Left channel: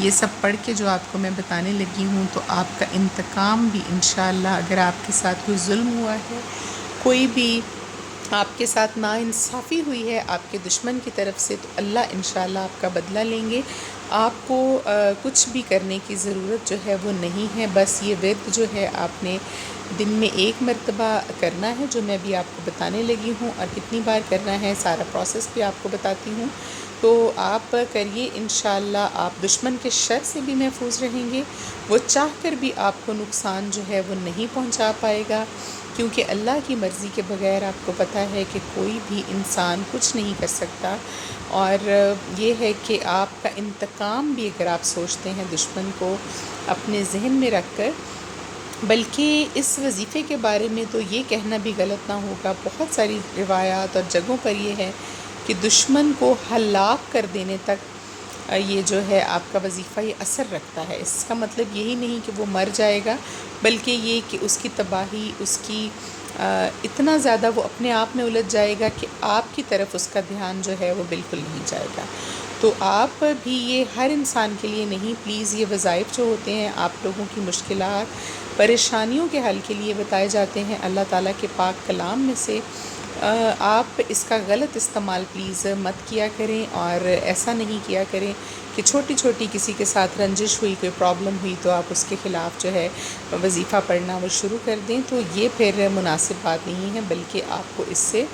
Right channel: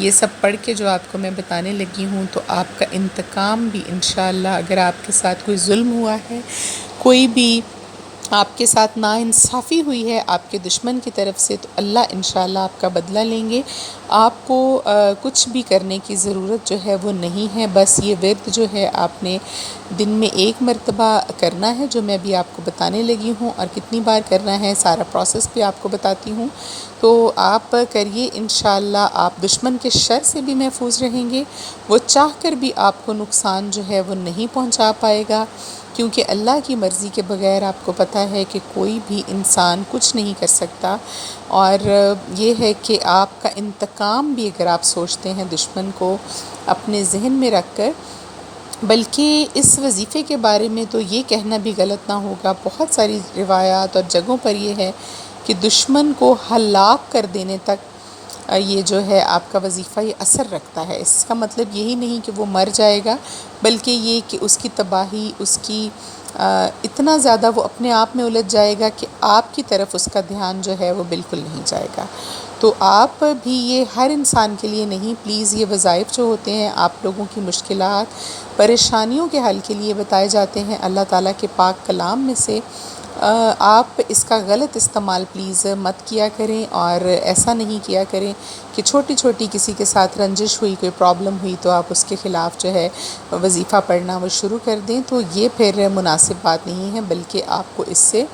یہ سب پڑھ کے جو آپ کو میں بتانے لگی ہوں، تو آپ کا انتقام بھی انشاءاللہ، اگر آپ کے ساتھ کوئی ظلم ہوا ہے، کوئی بھی آپ کے ساتھ ناانصافی ہوئی ہے آپ کے دشمن کی طرف سے، تو اللہ انشاءاللہ آپ کا بدلہ لیں گے۔ آپ کو کچھ بھی کرنے کی ضرورت جو ہے وہ نہیں ہے، بس یہ ورد جو ہے آپ نے دن میں 1 مرتبہ کرنا ہے، جو میں ابھی آپ کو بتانے لگی ہوں، اور کتنی بار کرنا ہے سارا پروسیس بھی آپ کو بتاتی ہوں۔ تو آپ کریے، انشاءاللہ آپ دشمن کے شر سے بھی محفوظ رہیں گے، وہ چاہ کر بھی آپ کو نقصان جو ہے وہ نہیں پہنچا پائے گا، کیونکہ اللہ کی مرضی کے بغیر آپ کو پتہ ہے کہ کوئی بھی انسان کچھ نہیں کر سکتا۔ اور یہ ہے کہ آپ کا انتقام بھی اگر آپ سوچتے ہیں دشمن کو اپنے ذہن میں رکھ کر، بلکہ اس وظیفے کے بارے میں تو یہ کہنا بھی غلط نہ ہوگا، بہت ساری روایات اور جگہوں پر یہ ہے کہ دشمن کو ہلاک کر دینے تک یہ جو ہے آپ کا وظیفہ یہ اثر رکھتا ہے۔ اس کا مطلب یہی نہیں کہ وہ مر جائے گا، بلکہ یہ کہ اس کی تباہی، اس کی اتنا زیادہ وہ اپنے آپ میں الجھ جائے گا کہ آپ کی طرف اس کا دھیان جو ہے وہ بالکل نہیں جائے گا۔ تو آپ بھی، یہ ہر انسان کے لیے نہیں، پلیز یہ وظائف جو ہوتے ہیں آپ لوگوں کی مشکلات، پریشانیوں کے حل کے لیے بتائے جاتے ہیں اللہ تعالیٰ کے پاک کلام میں سے، آپ اس کا غلط استعمال پلیز مت کیا کریں، اور ایسا نہیں کیا کریں کہ چھوٹی چھوٹی کسی کے ساتھ رنجش ہوئی، کوئی پرابلم ہوئی تو آپ اس کے خلاف جو ہے وظیفہ پڑھنا وہ شروع کر دیں، تو یہ پھر مناسب بات نہیں ہے، بلکہ آپ کو اس سے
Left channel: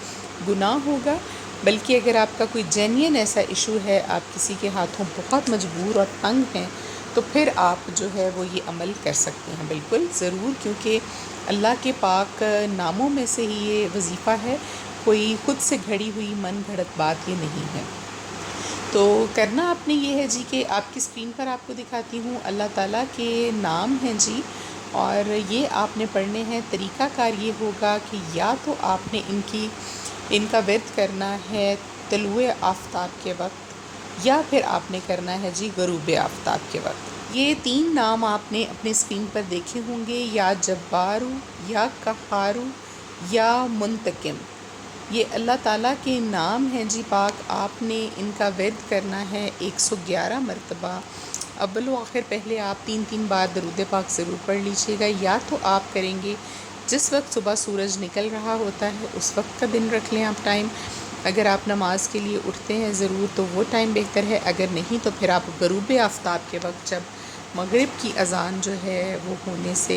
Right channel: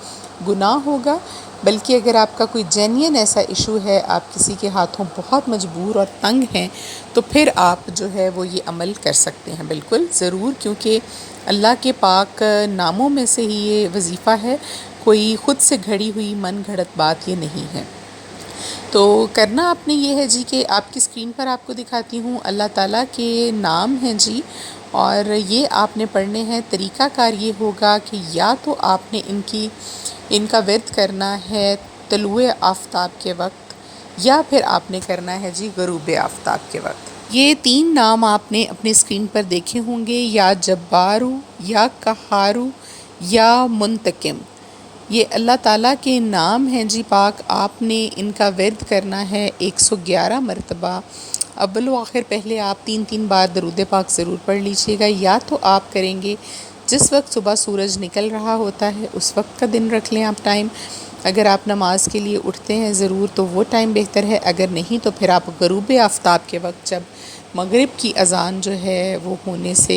گناہ ہوگا۔ بلکہ اگر آپ کا کوئی جینین ایسا ایشو ہے، آپ کسی کے ہاتھوں بہت مجبور اور تنگ ہیں، تو پھر آپ جو ہے وہ یہ عمل کر سکتے ہیں، بالکل ضرور، کیونکہ اللہ کے پاک ناموں میں سے ہی یہ وظیفہ ہے، کوئی خود سے گھڑی ہوئی من گھڑت بات یہ نہیں ہے۔ تو کرنا آپ نے یہ ہے جی کہ آپ کی اسکرین پر آپ کو دکھاتی ہوں اللہ تعالیٰ کے نام ہیں جی، اور یہ آپ نے پڑھنے ہیں۔ طریقہ کار یہ ہوگا کہ یا تو آپ نے ان کا ورد کرنا ہے طلوع آفتاب کے وقت، یا پھر آپ نے کرنا ہے جی غروب آفتاب کے وقت۔ یہ 3 نام آپ نے اپنے اسکرین پر دیکھے ہوں گے، یا جبارو، یا قہارو، یا منتقم۔ یہ اللہ تعالیٰ کے نام ہیں جی پاک، آپ نے ان کا ورد کرنا ہے 111 مرتبہ۔ اول و آخر پہلے آپ 3 بار درود پاک ضرور پڑھ لیجیے گا، یا تو آپ کریں گے جس وقت صبح سورج نکل رہا ہوتا ہے اس وقت کا دن رکھ لیں آپ ٹائم، اگر آپ نماز کے لیے اٹھتے ہیں ضرور تو وہ ٹائم بہتر ہے، اگر نہیں تو پھر آپ غروب آفتاب کے وقت، جب مغرب کی اذان جو ہے وہ ہونے سے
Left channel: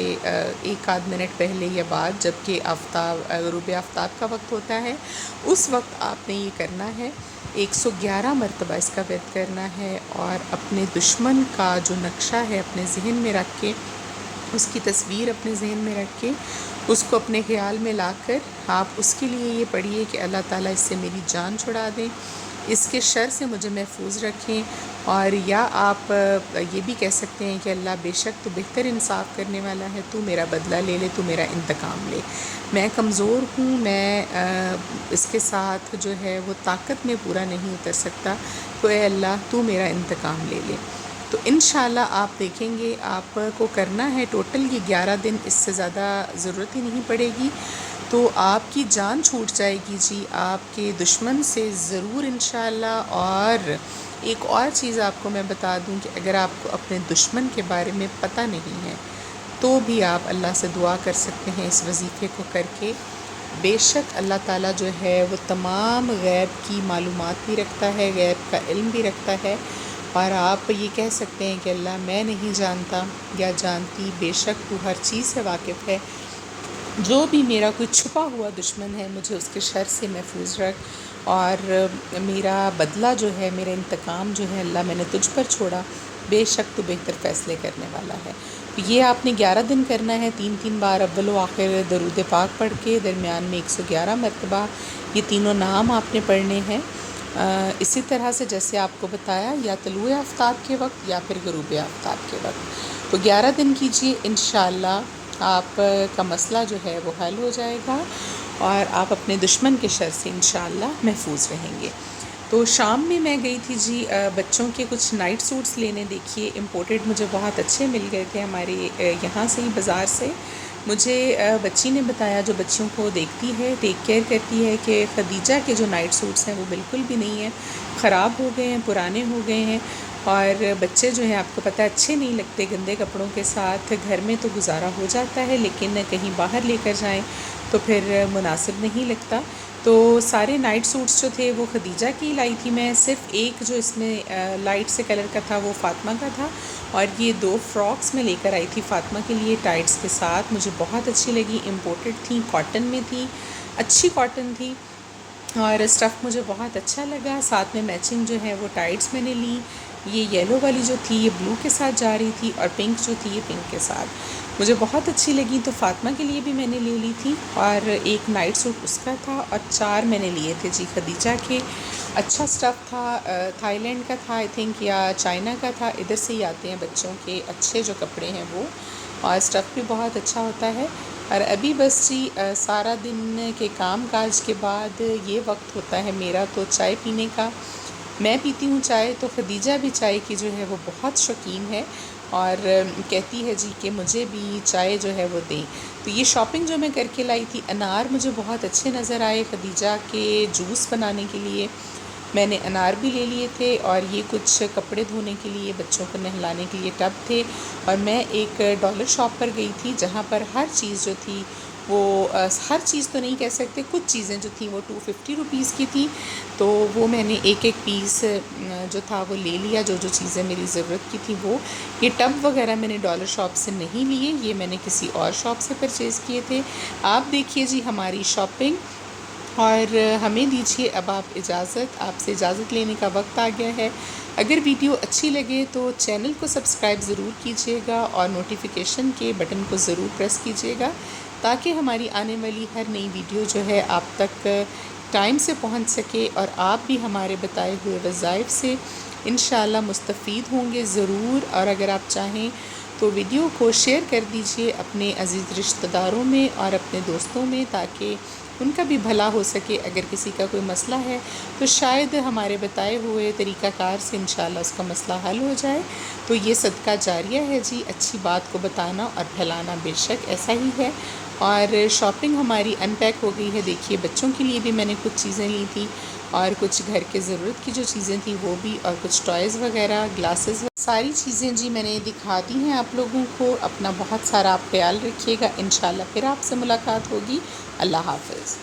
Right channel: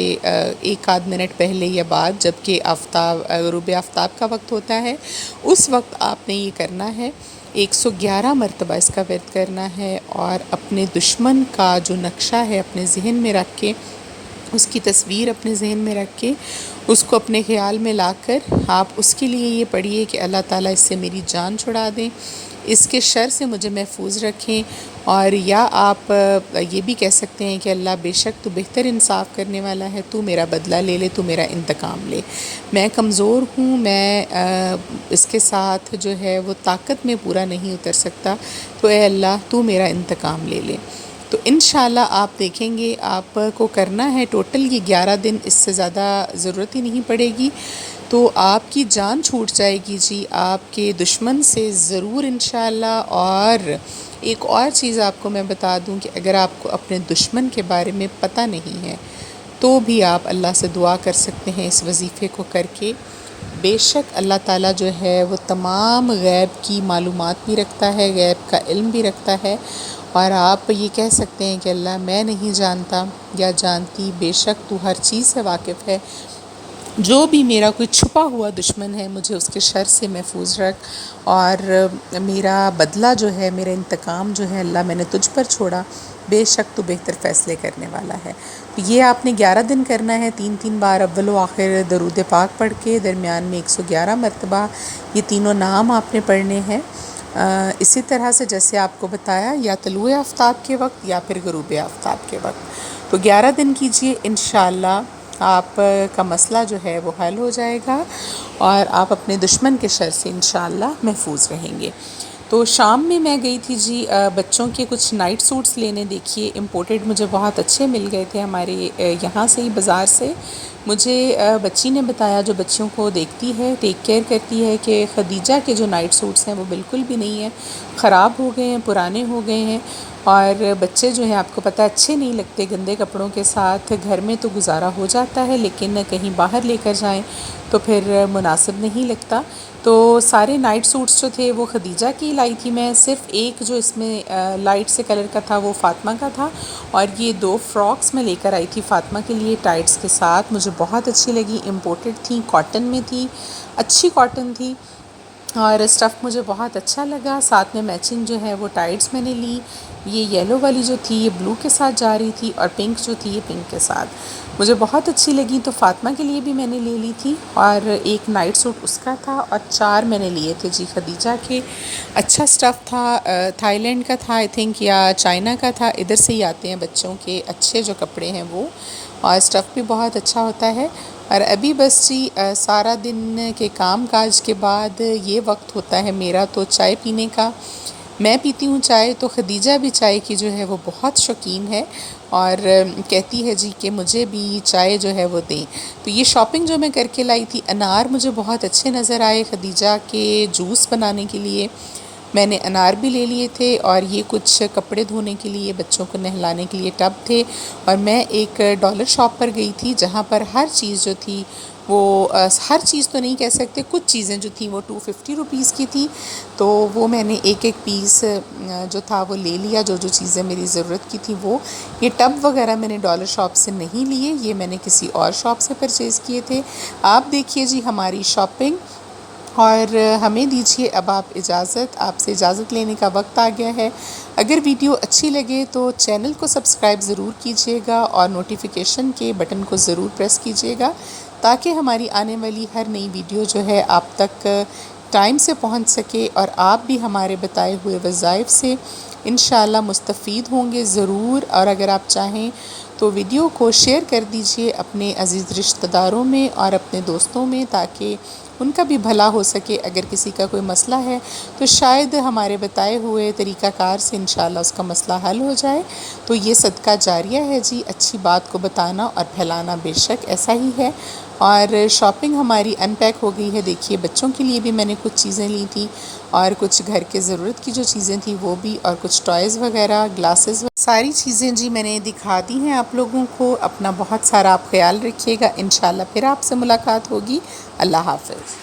1 آدھ منٹ پہلے یا بعد، جب کہ غروب آفتاب کا وقت ہوتا ہے، اس وقت آپ نے یہ کرنا ہے 111 مرتبہ اس کا ورد کرنا ہے، اور اپنے دشمن کا جو نقشہ ہے اپنے ذہن میں رکھ کے، اس کی تصویر اپنے ذہن میں رکھ کے، اس کو اپنے خیال میں لا کر آپ اس کے لیے یہ پڑھیے کہ اللہ تعالیٰ اس سے میری جان چھڑا دیں، اس کے شر سے مجھے محفوظ رکھیں، اور یا آپ یہ بھی کہہ سکتے ہیں کہ اللہ بے شک تو بہتر انصاف کرنے والا ہے، تو میرا بدلہ لے لے، تو میرا انتقام لے، میں کمزور ہوں، میں اس کے ساتھ جو ہے وہ طاقت میں پورا نہیں اتر سکتا، تو اے اللہ تو میرا انتقام لے لے۔ تو انشاءاللہ آپ دیکھیں گے آپ کو کرنا ہے ٹوٹل یہ 11 دن، اس سے زیادہ ضرورت ہی نہیں پڑے گی، تو آپ کی جان چھوٹ جائے گی جی آپ کے دشمن سے ضرور انشاءاللہ۔ اور ایک اور چیز آپ کو میں بتا دوں کہ اگر آپ کو اپنے دشمن کے بارے میں پتہ نہیں ہے تو بھی آپ اللہ سے دعا کر سکتے ہیں اس وظیفے کو کر کے، بے شک اللہ تعالیٰ جو ہے وہ تمام غیب کی معلومات بھی رکھتا ہے، غیب کا علم بھی رکھتا ہے، اور آپ یہ کہہ سکتے ہیں کہ اللہ میں نہیں جانتا یا جانتی، بے شک تو ہر چیز سے واقف ہے، جو بھی میرا کوئی چھپا ہوا دشمن ہے مجھے اس کے شر سے محفوظ رکھ، اور میرا بدلہ جو ہے، میرا انتقام جو ہے اللہ میں نے تجھ پر چھوڑا، بے شک تو بہتر فیصلے کرنے والا ہے۔ تو یہ آپ نے 11 دن کرنا ہے، 3 بار اول و آخر درود پاک پڑھ کے، درمیان میں 111 مرتبہ یہ تینوں نام آپ نے پڑھنے ہیں، اسی طرح سے جیسے آپ کو بتایا، یا طلوع آفتاب کے وقت یا پھر غروب آفتاب کے وقت۔ تو 11 دن کیجیے، انشاءاللہ آپ کا مسئلہ جو ہے وہ حل ہو جائے گا، اور آپ اپنے دشمن کے شر سے انشاءاللہ محفوظ رہیں گے۔ تو شام میں میں گئی تھی جی بچوں کے کچھ نائٹ سوٹس لینے، دیکھیے امپورٹڈ مجھے بہت اچھے مل گئے تھے ہمارے یہاں سے ہی بازار سے، مجھے بچی نے بتایا جو بچوں کو دیکھتی ہے، ٹیک کیئر کرتی ہے، کہ خدیجہ کے جو نائٹ سوٹس ہیں وہ بالکل بھی نہیں ہیں، خراب ہو گئے ہیں، پرانے ہو گئے ہیں، اور بچے جو ہیں آپ کو پتہ اچھے نہیں لگتے گندے کپڑوں کے ساتھ۔ گھر میں تو گزارا ہو جاتا ہے لیکن کہیں باہر لے کر جائیں تو پھر مناسب نہیں لگتا۔ تو سارے نائٹ سوٹس جو تھے وہ خدیجہ کی لائی تھی میں، صرف ایک جو اس میں لائٹ سے کلر کا تھا وہ فاطمہ کا تھا، اور یہ 2 فراکس میں لے کر آئی تھی فاطمہ کے لیے ٹائٹس کے ساتھ۔ مجھے بہت اچھی لگی، امپورٹڈ تھیں، کاٹن میں تھی، اچھی کاٹن تھی، اور اسٹف مجھے بہت اچھا لگا۔ ساتھ میں میچنگ جو ہے وہ ٹائٹس میں نے لی، یہ یلو والی جو تھی یہ بلو کے ساتھ جا رہی تھی، اور پنک جو تھی یہ پنک کے ساتھ مجھے بہت اچھی لگی، تو فاطمہ کے لیے بھی میں نے لے لی تھی، اور ایک نائٹ سوٹ اس کا تھا، اور 4 میں نے لیے تھے جی خدیجہ کے۔ اچھا اسٹف تھا، تھائی لینڈ کا تھا آئی تھنک، یا چائنا کا تھا، ادھر سے ہی آتے ہیں بچوں کے اچھے جو کپڑے ہیں وہ، اور اسٹف بھی بہت اچھا ہوتا ہے۔ اور ابھی بس جی سارا دن کے کام کاج کے بعد یہ وقت ہوتا ہے میرا تو چائے پینے کا۔ میں پیتی ہوں چائے، تو خدیجہ بھی چائے کی جو ہے وہ بہت شوقین ہے، اور کہتی ہے جی کہ مجھے بھی چائے جو ہے وہ دیں۔ تو یہ شاپنگ جو میں کر کے لائی تھی، انار مجھے بہت اچھے نظر آئے خدیجہ کے جوس بنانے کے لیے، میں نے انار بھی لے لیے تھے، اور یہ کچھ کپڑے دھونے کے لیے بچوں کو نہلانے کے لیے ٹب تھے، اور میں ایک ڈالر شاپ پر گئی تھی جہاں پر ہر چیز جو تھی وہ ہر چیز تو نہیں کہہ سکتے، کچھ چیزیں جو تھیں وہ 250 روپیز کی تھی، تو وہ میں نے ایک ایک پیس جو تھا وہ لے لیا، جو جو چیزیں میری ضرورت کی تھی وہ۔ یہ ٹب وغیرہ میں نے ڈالر شاپ سے نہیں لیے، یہ میں نے کسی اور شاپ سے پرچیز کیے تھے۔ آپ دیکھیے جی ہماری شاپنگ، اور ہمیں دیجیے اب آپ اجازت، آپ سے اجازت لینے کا وقت آ گیا ہے۔ اگر ویڈیو اچھی لگے تو چینل کو سبسکرائب ضرور کیجیے گا، اور نوٹیفیکیشن کے بٹن کو ضرور پریس کیجیے گا، تاکہ ہماری آنے والی ہر نئی ویڈیو جو ہے آپ تک ٹائم سے پہنچ سکے، اور آپ بھی ہمارے بتائے ہوئے وظائف سے انشاءاللہ مستفید ہوں گے ضرور۔ اور اگر آپ چاہیں تو ویڈیو کو شیئر کر دیجئے اپنے عزیز رشتہ داروں میں اور اپنے دوستوں میں، تاکہ ان کا بھی بھلا ہو سکے۔ اگر کسی کا کوئی مسئلہ ہے تو شاید ہمارے بتائے ہوئے طریقہ کار سے انشاءاللہ اس کا مسئلہ حل ہو جائے۔ تو یہ صدقہ جاریہ ہے جی، اچھی بات کو بتانا اور پھیلانا بے شک ایسا ہی ہے۔ اور شاپنگ ہماری ان پیک ہو گئی ہے، دیکھیے بچوں کے لیے بھی میں نے کچھ چیزیں لی تھی، اور کچھ گھر کے ضرورت کی جو چیزیں تھیں وہ بھی، اور کچھ ٹوائز وغیرہ، گلاسز، ساری چیزیں جی میں نے دکھا دی ہیں آپ لوگوں کو۔ اپنا بہت سارا آپ خیال رکھیے گا، انشاءاللہ پھر آپ سے ملاقات ہوگی۔ اللہ حافظ۔